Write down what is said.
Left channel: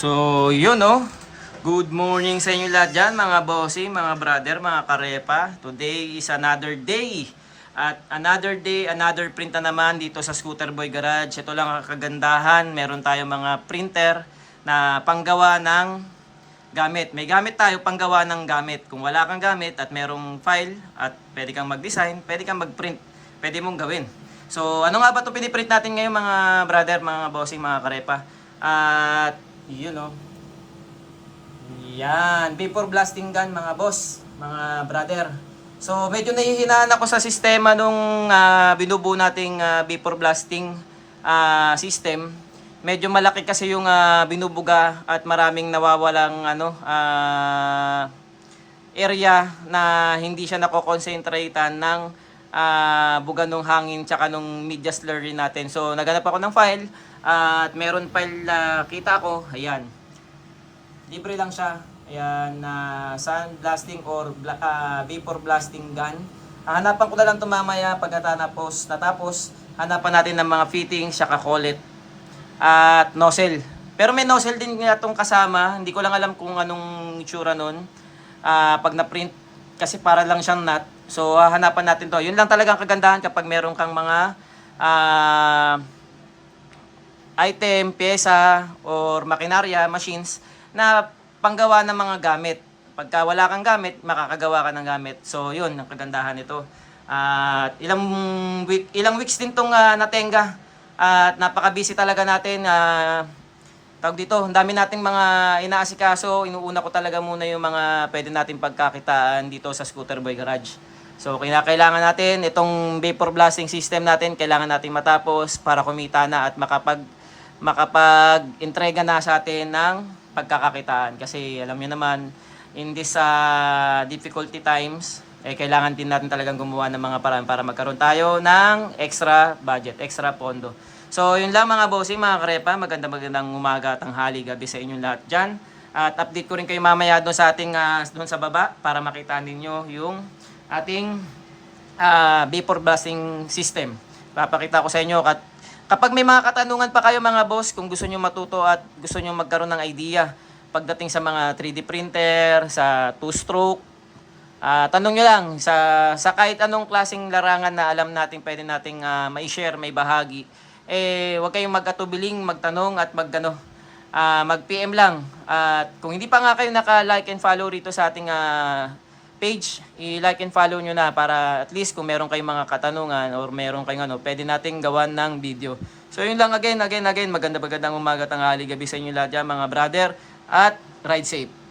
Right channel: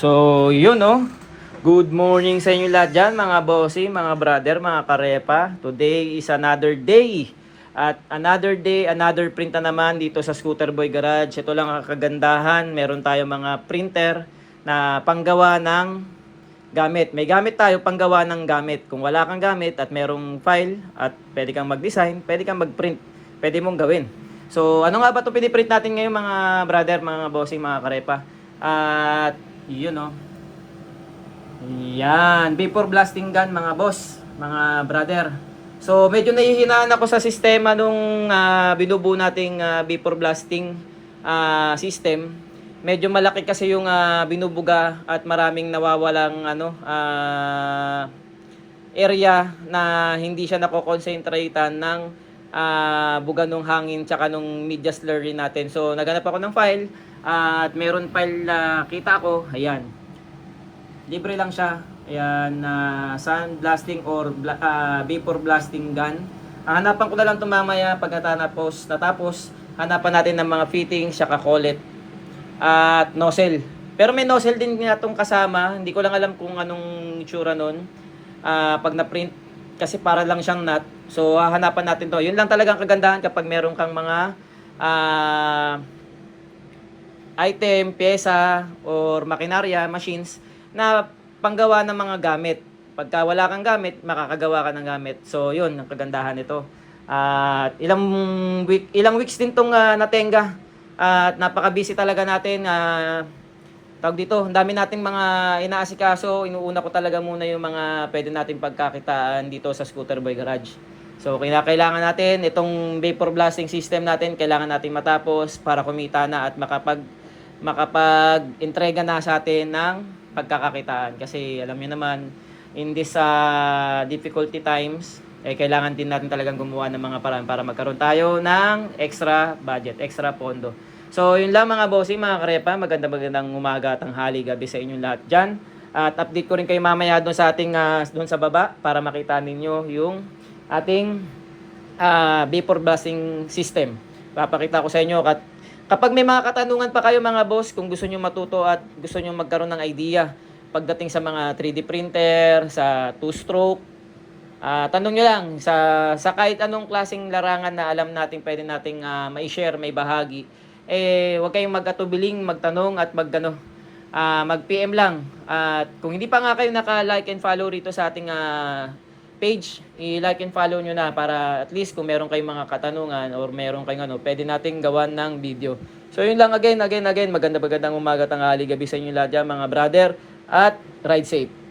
So, yun oh. Good morning sa inyo lahat dyan, mga bossy, mga brother, mga karepa. Today is another day. At another day, another print na naman dito sa Scooter Boy Garage. Ito lang ang kagandahan. Meron tayo mga printer na panggawa ng gamit. May gamit tayo panggawa ng gamit. Kung wala kang gamit at merong file at pwede kang mag-design, pwede kang mag-print. Pwede mong gawin. So, ano nga ba ito piniprint natin ngayon, mga brother, mga bossy, mga karepa? At yun oh. Yan, vapor blasting gun, mga boss, mga brother. So medyo nahihinaan ako sa sistema nung binubuo nating vapor blasting system. Medyo malaki kasi yung binubuga at maraming nawawalang area na hindi siya nako-concentratean ng buga nung hangin tsaka nung media slurry natin. So naghanap ako ng file at meron file na kita ko, ayan. Libre lang siya. Ayan, sand blasting or vapor blasting gun. Hanapan ko na lang ito mamaya pag natapos. Hanapan natin ng mga fittings, saka collet at nozzle. Pero may nozzle din nga itong kasama. Hindi ko lang alam kung anong itsura nun. Pag na-print, kasi para lang siyang nut. So hanapan natin to. Yun lang talagang kagandahan kapag meron kang mga item, pyesa, or makinarya, machines na panggawa ng mga gamit. Pagka wala kang gamit, makakagawa ka ng gamit. So, yun ang kagandahan nito. At ilang weeks din tong natenga. At napaka-busy talaga natin. Tawag dito, ang dami nating mga inaasikaso. Inuuna ko talaga muna yung mga pwede natin pagkakitaan dito sa Scooter Boy Garage. So, kailangan natin itong vapor blasting system natin, kailangan natin matapos para kumita na at makapag-entrega na sa atin ng pagkakakitaan. Kasi alam niyo naman, in this difficulty times, kailangan din natin talagang gumawa ng mga paraan para magkaroon tayo ng extra budget, extra pondo. So yun lang, mga bossing, mga karepa. Magandang umaga, tanghali, gabi sa inyong lahat dyan. At update ko rin kayo mamaya doon sa ating doon sa baba para makita ninyo yung ating vapor blasting system. Papakita ko sa inyo. Kapag may mga katanungan pa kayo, mga boss, kung gusto nyo matuto at gusto nyo magkaroon ng idea pagdating sa mga 3D printer, sa two-stroke, tanong nyo lang sa kahit anong klaseng larangan na alam natin pwede nating ma-share, may bahagi. Huwag kayong mag-atubiling, magtanong at mag-PM lang. At kung hindi pa nga kayo naka-like and follow rito sa ating page, i-like and follow nyo na para at least kung meron kayong mga katanungan or meron kayong pwede nating gawan ng video. So yun lang, again, magandang umaga, tanghali, gabi sa inyo lahat dyan, mga brother, at ride safe.